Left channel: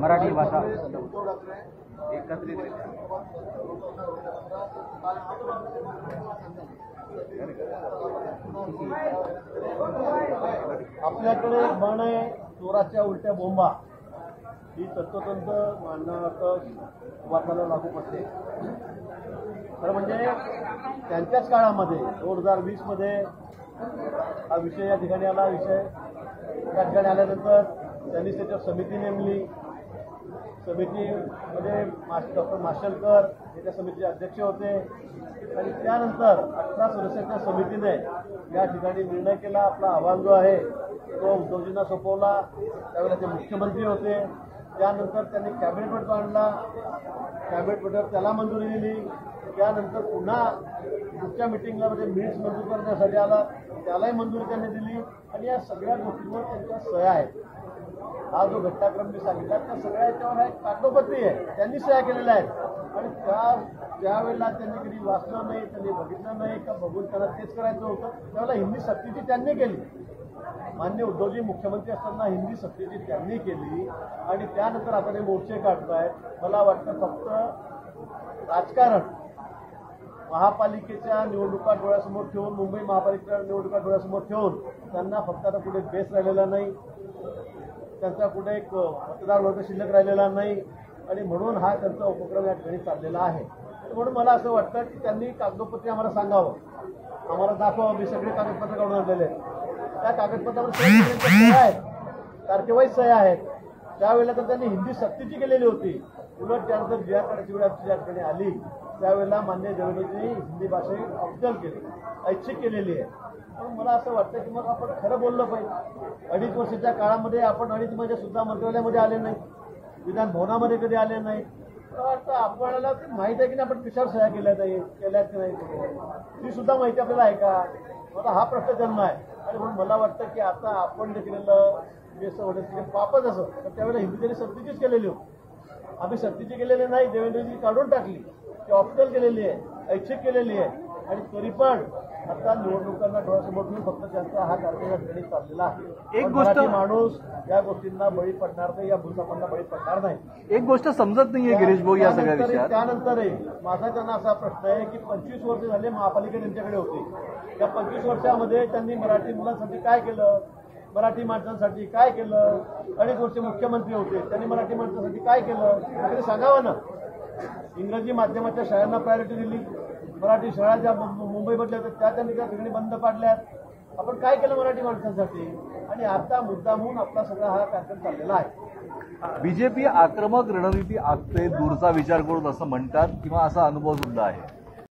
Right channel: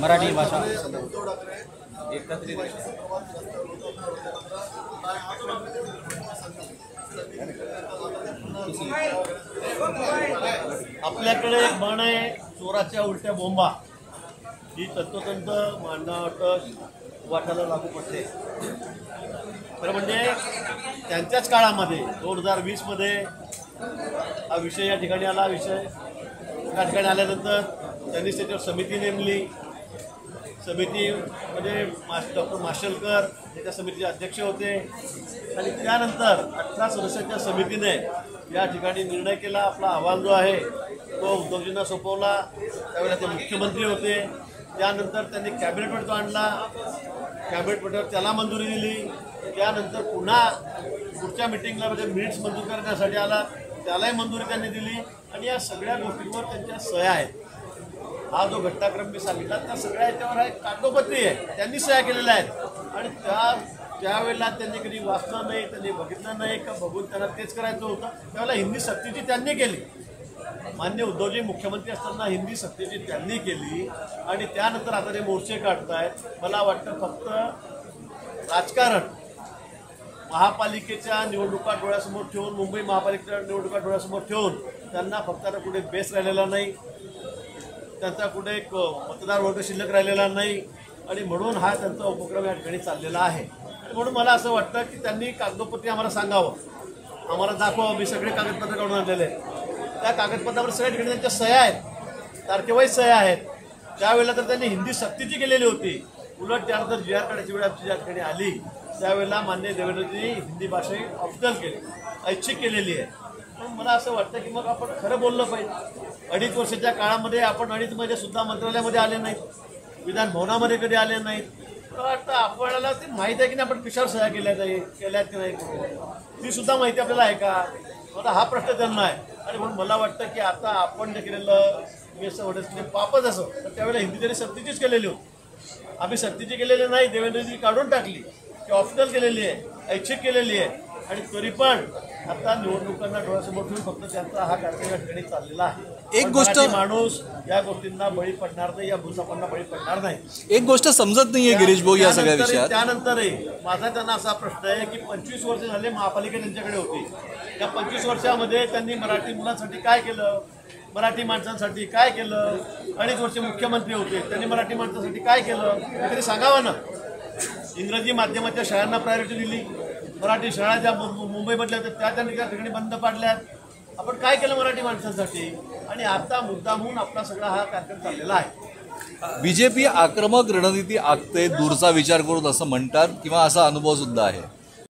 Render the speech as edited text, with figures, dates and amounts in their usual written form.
मराठी भाषा आपल्याकडे एक म्हण आहे, चोराच्या उलट्या बोंबा. ही तंतोतंत मांडणाट वाटायला लागू पडते. खरं म्हणजे त्यांच्याच काळामध्ये 2020मध्ये हा विषय या ठिकाणी आला. विषय या ठिकाणी आल्यानंतर त्यांनी त्याच्यावर समिती नेमली. समितीमध्ये डॉक्टर माशेलकर हे त्या समितीचे अध्यक्ष होते आणि त्यानंतर 18 सदस्यांच्या समितीने या ठिकाणी निर्णय केला. आपला अहवाल जो आहे तो उद्धवजींना सोपवला. त्यावेळेला ते मुख्यमंत्री होते. त्यानंतर त्यांनी कॅबिनेटवर तो आणला. कॅबिनेटवर त्याला मंजुरी दिली. त्यानंतर पुन्हा पुढच्या मिटिंगला म्हणजे मिनिट्स मंजूर करण्यासाठी आला, त्यालाही मंजुरी त्यांनी दिली आणि या सगळ्या गोष्टींवर त्यांच्या सह्या आहेत. हा जो घटनाक्रम मी सांगितला त्या सगळ्या याच्यावर आहे, कागदोपत्री आहे, त्यांनी सह्या केलेल्या आहेत. आणि त्यावेळेला त्यांनी कधी वाचलं नाही, त्यांनी बघितलं नाही का बघून त्यांना तेच करायचं होतं. त्यावेळेला हिंदी सक्तीची त्यांनी केली. मान्य उद्धवजी मुख्यमंत्री असताना हिंदी सक्तीची त्यांनी केली आणि त्यानंतर आता ते मोर्चे काढतायत. मला वाटतं फक्त राजकारण महापालिकेच्या निवडणुका डोळ्यासमोर ठेवून, मुंबई महापालिकेच्या निवडणुका डोळ्यासमोर ठेवून त्यांना फक्त आता कुठे बेस राहिलेला नाही, त्यांचा कुठे एक मतदार वर्ग शिल्लक राहिलेला नाही आणि म्हणून हा त्यांचा उपक्रम या ठिकाणी चाललेला आहे. आणि म्हणून मला असं वाटतं की त्यांनी कागदोपत्री आम्हाला सांगावं, आम्हाला दाखवावं. मी सगळे कागदपत्र काढून आणलेले आहेत. त्या कागदपत्रावर सगळ्या त्यांच्या सह्या आहेत, तारखेवाईज सह्या आहेत. त्यावेळेला तर त्यांनी हिंदी सक्तीची केलेली होती. उलट त्यानंतर जी आर काढायची वेळ आमची ज्या ठिकाणी आली त्यावेळेला मान्य देवेंद्रजींनी हिंदी भाषा ही ऑप्शनल केली, ऐच्छिक केलेली आहे. पण मला असं वाटतं की मग आपण खरं बोललं पाहिजे. 2.5 वर्षाच्या काळामध्ये आपण 2.5 महिने सुद्धा मंत्रालयामध्ये आले नाहीत, विधान भवनामध्ये कधी आले नाहीत. तर आपल्याला ती माहीत आहे की नाही आपण कशावर सह्या केल्यात की नाही, ती सुद्धा माहिती आपल्याला आहे का? मला हा प्रश्न त्यांना आहे. आणि म्हणून मला वाटतं की आता आपण जे केलेलं मी असं वाटतं पापच असं तर त्यावेळेला हिंदी त्यांनी सक्तीचीच केलेली होती. आम्ही सक्तीची केलेली नाही, देवेंद्रजी काढून टाकली, ती ऑप्शनल केलेली आहे, ऐच्छिक केलेली आहे. आणि तरी पण आता निवडणुकांना डोळ्यासमोर ठेवून फक्त त्यांचा हा कार्यक्रम या ठिकाणी चाललेला आहे. एक गोष्ट माणूस या गोष्टींना बळी पडणार नाही, या भूसापांना बळी पडणार नाही. एक गोष्ट समजत नाहीये गिरीश भाऊ या सगळ्या विषयात. त्यानंतरही माझा त्यांना असा प्रश्न आहे की 25 वर्ष झाले महापालिका त्यांच्याकडे होती. त्या 25 वर्षामध्ये त्यांनी मराठी मुलांसाठी काय केलं, मराठी माणसांसाठी काय केलं? 2.5 वर्ष मुख्यमंत्री होते, त्यांनी मराठी माणसांसाठी काय केलं तरी सांगावं ना. इंग्रजी माध्यमाच्या शाळांना प्रायोरिटी दिली, मराठी शाळा ज्या मुंबईमधल्या होत्या त्या त्यांनी त्या ठिकाणी बंद पाडल्यात. आपण काय केलं मराठी माणसांसाठी? आणि आता मुद्दामहून आपला सगळा हा कार्यक्रम चाललेला आहे. बीजेपी आक्रमक रणनीती आखते, दूरचा विचार करून असं म्हणतात किंवा असा अनुभव सुद्धा आहे.